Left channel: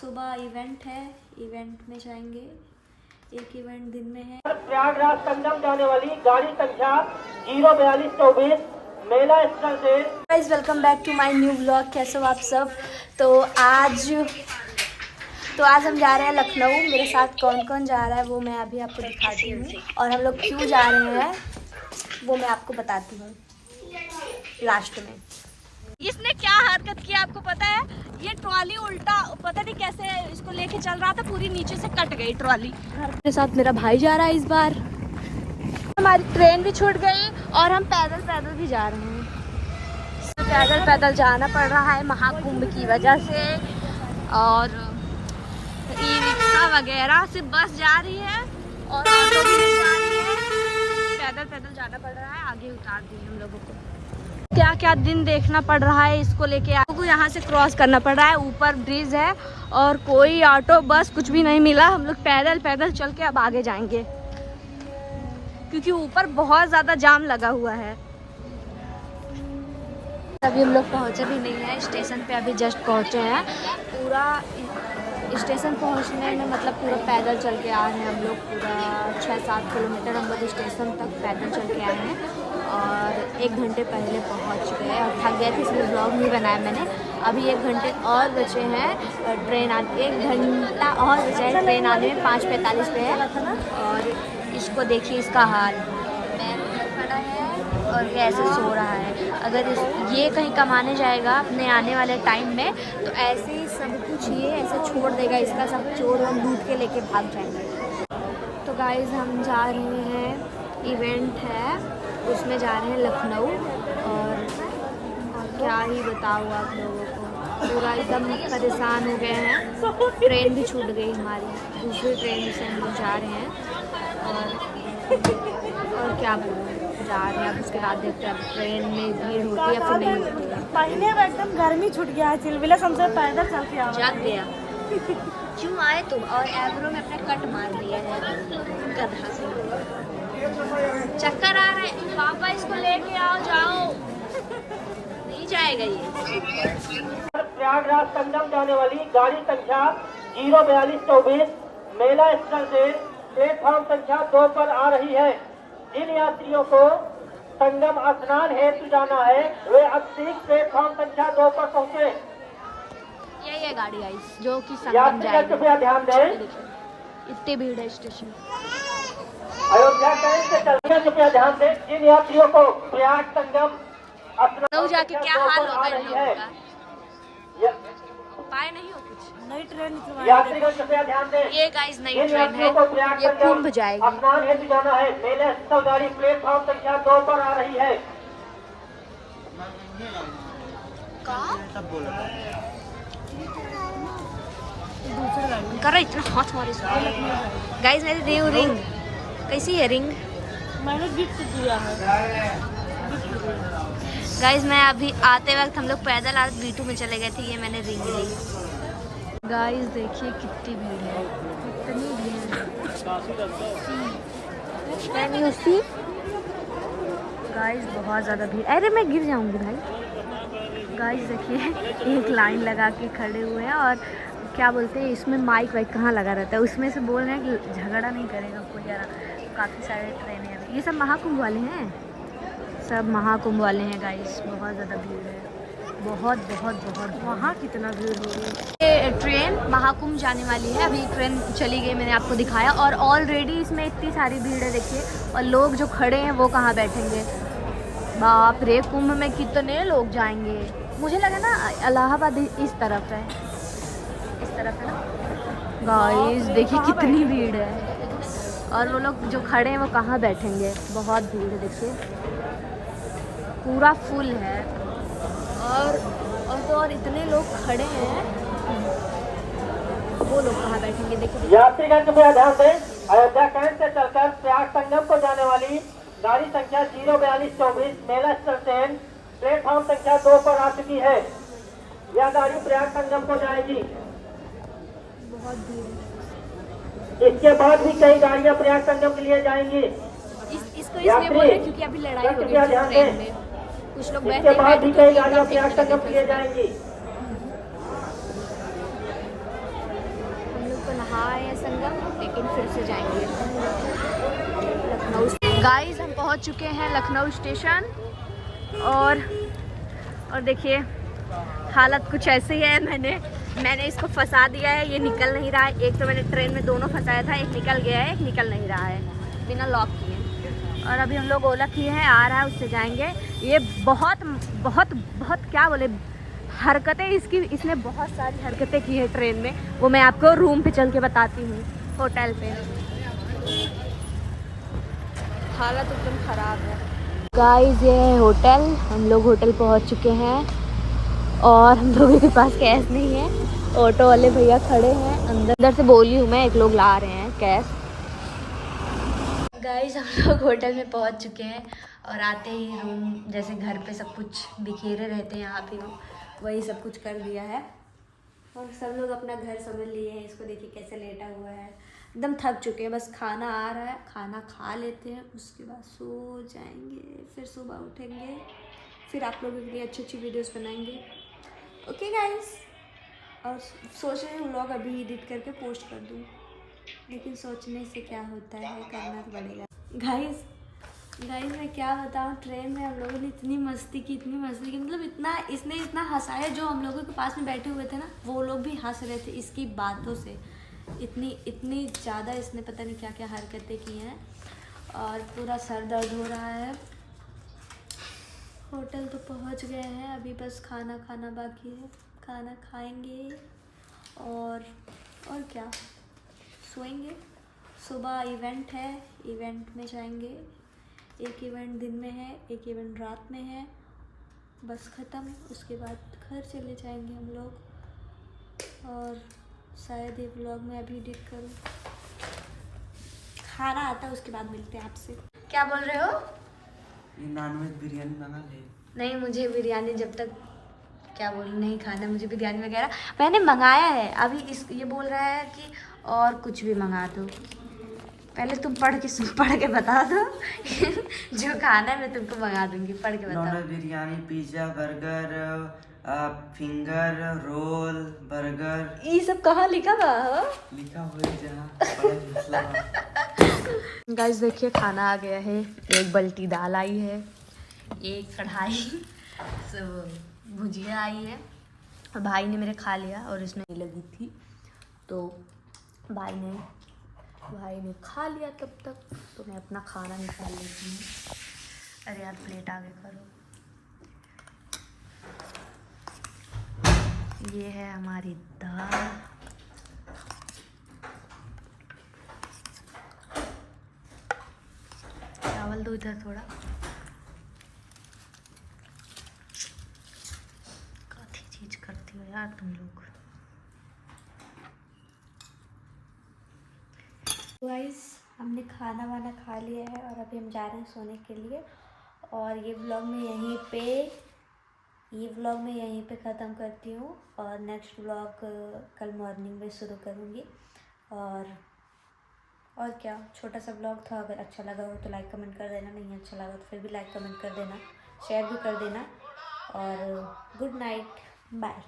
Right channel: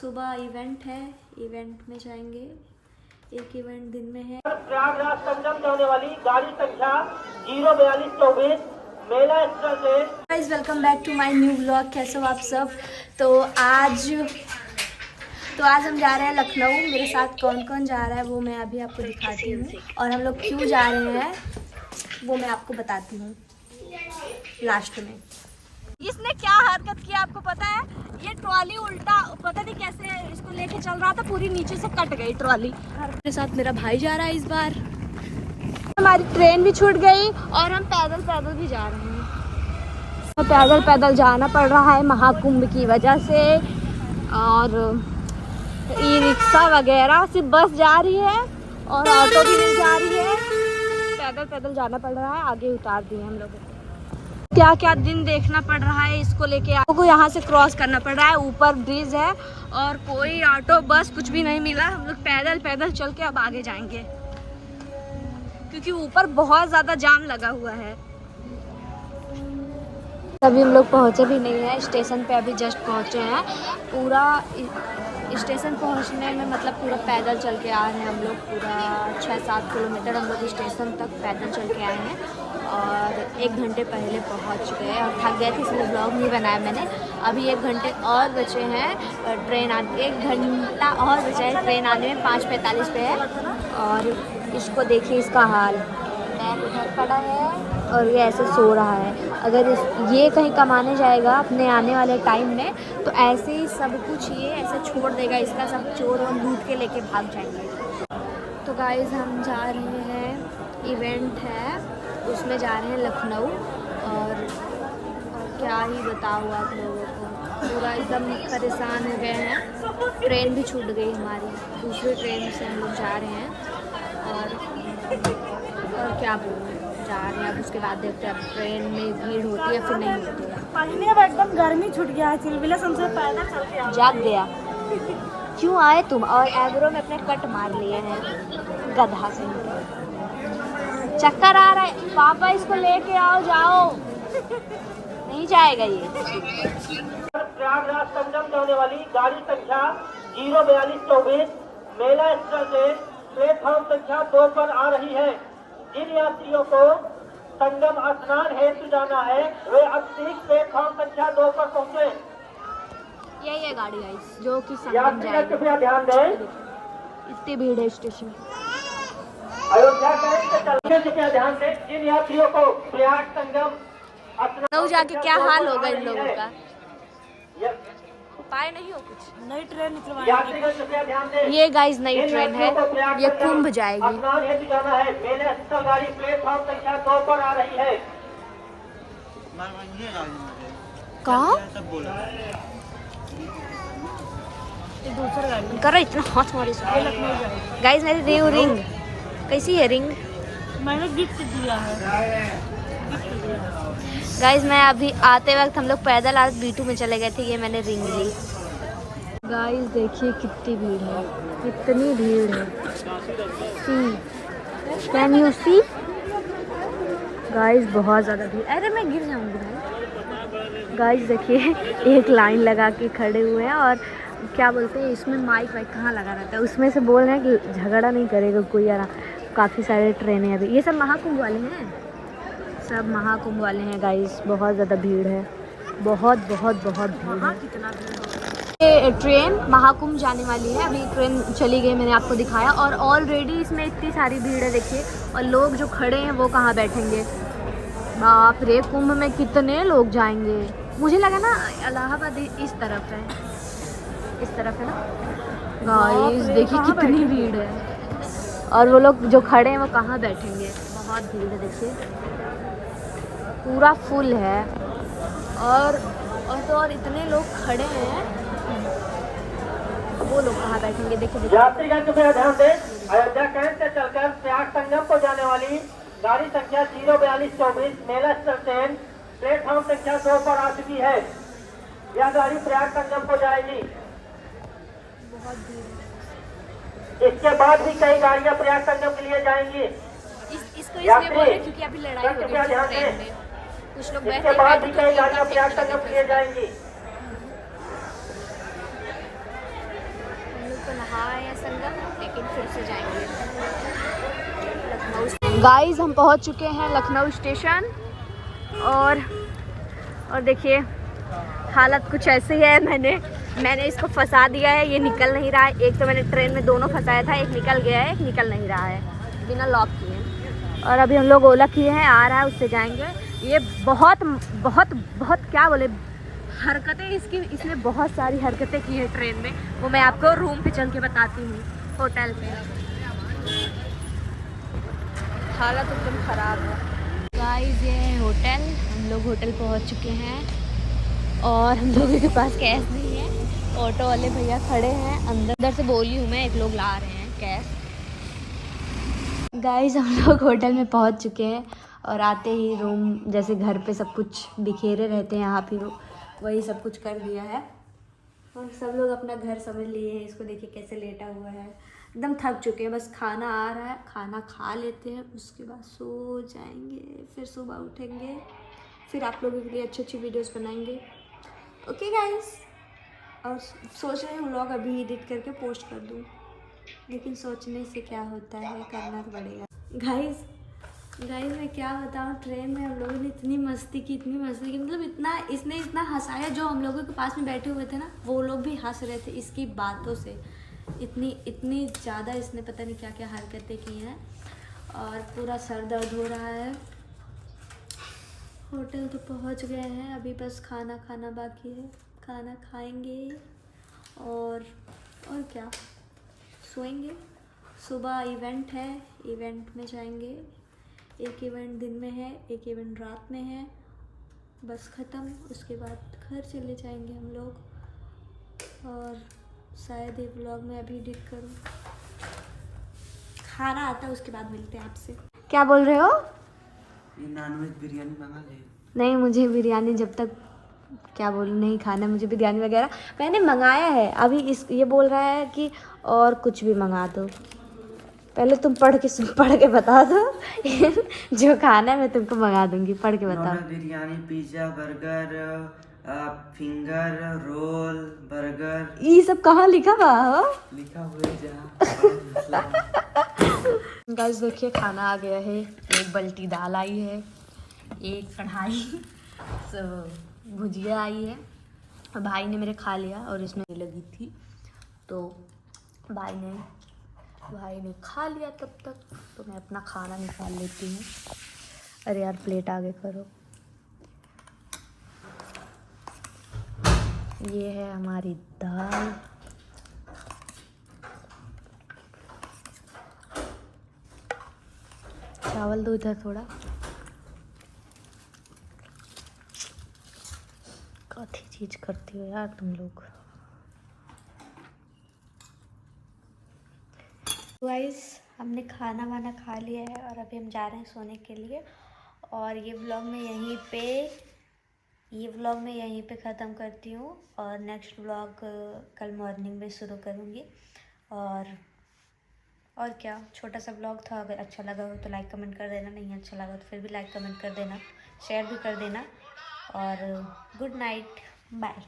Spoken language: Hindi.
सुबह इवेंट है, इवेंट में जाएंगे। एक इवेंट दिन में है। प्रयागराज संगम जाने वाली गाड़ी संख्या 04224 मेला स्थल से। Guys welcome back to my new blog. कैसे हो आप सब। तो आज हम जा रहे हैं लखनऊ। मेरे साथ कौन कौन जा रहा है वो मैं अभी आपको दिखाती हूँ, और हम लोग क्यों जा रहे हैं वो मैं आपको बताती हूँ लास्ट में। इसने क्या हरकत किया आपको पता है? ये ट्रॉली उल्टा पता नहीं कैसे इसको लेके चल रहा था, पूरी नीचे से कट गई ट्रॉली। मेरे साथ मेरा भाई जा रहा है इस बार। हमारी ट्रेन भी छूट गई और हम पैदल पैदल भी जा रहे हैं। पैदल पैदल जाना पड़ रहा है महाकुंभ की वजह से, और ई रिक्शा वगैरह सिर्फ बस जा रही है और ऑटो भी नहीं जा रही है। पैदल पैदल जाना पड़ रहा है। आगे उतार दिए हम लोगों को। क्या क्या दिन देखना पड़ रहा है इसको लेके। आपको यहाँ से क्रॉस करना पड़ रहा है, ऊपर ब्रिज है और कोई ऑटो बस कुछ भी नहीं मिला। हम लोग पैदल पैदल चल के अब आगे जाएंगे क्योंकि ऊपर बहुत ज़्यादा जाम लगा हुआ है। अभी हम लोग पहुँचे भी नहीं है स्टेशन पे, अभी जस्ट पहुँचे हैं। पूरा स्टेशन पहुँचने में मतलब पूरा पैदल चल के आ रहे हैं हम लोग। पूरा 6-7 किलोमीटर हम लोग स्टेशन तक पैदल चल के आए हैं और 1 घंटे पहले पहुँच गए और थक गए थे इसलिए ब्लॉग नहीं बनाया मैंने। अभी 1 घंटे और बचे हैं ट्रेन आने, 1 घंटा और बचा है ट्रेन आने में। 5:45 पे है और इसको देखिए इसका हाल। बैग उधर पड़ा है और ये ऐसे सो रहा है। अगर ये कहीं कमाने जाएगा अपने आने वाले टाइम में तो ऐसे ही सब कुछ ये ऐसे छोड़ देगा। इसका सब चोर और लूट के लेके भाग जाएंगे। तो गाइस हम जा रहे हैं, इवेंट है उसमें जा रहे हैं लखनऊ। और क्या ही बताऊँ आप लोगों को, पूरा एकदम परेशान हो गए हैं। ट्रेन भी छूट गई हमारी, दूसरी ट्रेन से हम लोग जा रहे हैं। और क्या बोलूँ, जा रहे हैं। अब उसके बाद देखते हैं अब ट्रेन में भीड़ होती है या फिर नहीं होती है। एकदम गर्मी छूट गया, चिलबिला हमसे पैदल चल के जाग गया। क्यों आए तुम? और एग्रो में अपने कट मार लिए हैं गधा से। चक्कर आ रहा है पापा, इसको लेके आओ। जाओ, नहीं जाएगा ये। प्रयागराज संगम जाने वाली गाड़ी संख्या 04224 मेला स्थल से प्लेटफॉर्म संख्या 2 पर आ रही है। जिन यात्रियों को संगम स्नान हेतु जाना है वे अब ठीक प्लेटफॉर्म संख्या 2 पर पहुँचे। यही है गाड़ी गाइस जो कि संगम यात्रीगण जाएगी। कृपया ध्यान दें, इतनी भीड़ है स्टेशन। अयोध्या कृपया ध्यान दें, जिन यात्रियों को प्रयाग संगम जाके क्या हाल होगा इन लोगों का, उपाय नहीं हो कुछ। नई ट्रेन यात्रीगण कृपया ध्यान दें, ये गाइस नई ट्रेन है, प्रयाग ये कुंभ जाएगी। स्नान हेतु जाना है। मेले स्थल गाड़ी प्लेटफॉर्म संख्या 2 पर आ रही है। कहाँ कर रहा इतना हाथ मारे गाइस। मेरी रिंग कैसी है? रिंग मैंने गिफ्ट दिया है। गाइस मैं अभी आते वक्त हम लोग पैदल आज B2 में चले गए थे, ये मैंने रिंग ली। गाइस देखिए कितनी भीड़ है, कितनी भीड़ है। कैन यू सी गाइस, बहुत ज़्यादा भीड़। अरे मैं गिर जाऊंगी भाई। गाइस देखिए एक लाइन लगा के खड़े हुए हैं और क्या बोलते हैं इसमें माइक वाइक कहाँ लगा रहता है, उसमें से बोल रहे हैं कि झगड़ा नहीं करेगा कोई यार। काफ़ी सारे ट्रेनें अभी, ये सब महाकुंभ वाले हैं, सब महाकुंभ वाले हैं गाइस। बहुत ज़्यादा भीड़ है, बहुत बहुत बहुत। वहाँ कितना भीड़ है। ये ट्रेन महाकुंभ जाने वाली है, अभी ट्रेन चली गई, मैंने आपको दिखाया। और ऑलरेडी इसमें इतनी सारी भीड़ है देखिए, और लोग जो खड़े हैं वो कहाँ बैठेंगे। बाप रे, कुंभ में कितने लोग जाएंगे। मुझे लगा ना इलाहाबाद इस तरफ है, इस तरफ है ना। गाइस देखिए कितनी भीड़ है, और वो लोग जो खड़े हैं वो कहाँ बैठेंगे। बहुत भीड़ है देखिए, पूरा फुल है। और इतने लोग खड़े हैं, वो लोग कहाँ बैठेंगे देखिए। यात्रीगण कृपया ध्यान दें, अयोध्या कैंट से चलकर प्रयाग संगम को जाने वाली गाड़ी संख्या 04224 मेला स्थल ट्रेन प्लेटफॉर्म संख्या 2 पर आ चुकी है। यह गाड़ी प्रयाग संगम को जाएगी। बहुत भीड़ है। इसके बाद भी कई गाड़ियां प्रयाग संगम के लिए जाएंगी। इसको इसलिए बोल रहे हैं क्योंकि अभी लड़ाई हो रही है ट्रेन में, कुछ लोग बैठे इसके बाद भी कई गाड़ियां प्रयाग संगम के लिए बैठे। जाएंगी। वहाँ है संगम, लेकिन फिर से जाएंगे लखनऊ। गाइस हम पहुँच चुके हैं लखनऊ स्टेशन और देखिए हालत कुछ ऐसी है। मैंने इसको फंसा दिया है, ये निकल नहीं रहा है। एक तो मैंने ट्रेन में दोनों फंसाया था, एक निकल गया है, एक निकल नहीं रहा है बिना लॉक किए। और अभी हम लोग ओला किए हैं, आ रहा है, उससे जाएंगे। ये बहुत बहुत बहुत क्या बोले हरकतें इसने बहुत सारी हरकतें की है ट्रेन में। वो मैं आपको रूम पे चल के बताती हूँ, होटल पे। हालत एकदम ख़राब है। गाइस ये है होटल, हम लोग होटल पहुँच चुके हैं और हम लोगों के पास कैश नहीं है। ऑटो वाले भैया खड़े हैं अंदर से बोली हूँ मैं, एक लोग ला रहे हैं कैश। गाइस हम लोग होटल में पहुँच चुके हैं और आते ही रूम जैसे घर पे सब कुछ बिखेरे रहते हैं, यहाँ भी वही सब कुछ कर दिया है और सब लोग अपना घर समझ लिए। इसको देखिए कैसे लेटा हुआ है, एकदम थक चुके हैं। बस खाना आ रहा है, खाना खा लेते हैं, उसके बाद सो जाएंगे, फिर सुबह उठेंगे, फिर आप लोगों के लिए अच्छी अच्छी वीडियोस बनाएंगे। ओके गाइस, और सोच रहे हैं व्लॉग अभी एडिट करके पोस्ट कर दूँ, लेकिन सोचने से क्या होता है, करना तो पड़ेगा। गाइस मैं क्या बताऊँ, ट्रेन में हम लोगों ने इतनी मस्ती की मतलब इसने इतना हंसाया। जो हम लोगों के पास में बैठे हुए थे ना, वो लोग भी हंस रहे थे इसकी बातों से। इतनी ज़्यादा इसने पता नहीं क्या क्या हरकतें की हैं और पूरा सर दर्द हो रहा है। होटल तो पहुंच गए हैं, अभी बस खाना खाना बाकी है। खाना खाएंगे और क्या, सोएंगे। सुबह इवेंट है, इवेंट में जाएंगे। एक इवेंट दिन में है, एक इवेंट रात में है, बस ख़त्म। उसके बाद घर चले जाएंगे हम लोग और शायद ये व्लॉग मैं अभी एडिट करूँ। खाना आता है उसके बाद मिलते हैं आपसे। क्या बोल रहे हो? ये नॉनवेज बिरयानी मंगा ले। नहीं, मुझे बिरयानी जब तक क्या बोलूँ नहीं खाना, मुझे बिरयानी वगैरह मैंने मंगाया है। अभी ये बोल रहा है कि और कुछ भी मंगा दो। पहले तुम पढ़ के बता दो जो खाना है मैं तुमको मंगा दूंगी, पढ़ के बताओ। Non veg biryani, pizza, burger, finger roll, burger. ये सब कहाँ लिखा हुआ? लिखा हुआ है जहाँ। गाइस देखिए खाना आ गया है। एक बल्टी दाल आई है, एक कढ़ाई भुजिया आई है। और भाई ने मेरे खा लिया और इसमें लगी थी तो भाई ने खा लिया तब तक। तो मैं अपना खाना निकाल लेती हूँ। अरे यार प्लेट आगे करो। ये है हमारी दाल, चावल दो इधर थोड़ा। काफी चीज करती हो यार तुम लोग। गाइस हमने खाना वाना खा लिया है और अभी हम जा रहे हैं सोने के लिए। और ये व्लॉग मैं यहीं पे ख़त्म करती हूँ और नेक्स्ट व्लॉग कल मॉर्निंग में शुरू करूँगी। और क्या, छोटा सा व्लॉग था। अगर अच्छा लगा हो तो लाइक कमेंट कर देना, नहीं अच्छा लगा तो फिर भी लाइक कमेंट कर देना, शेयर भी कर देना। और गुड नाइट, बाय।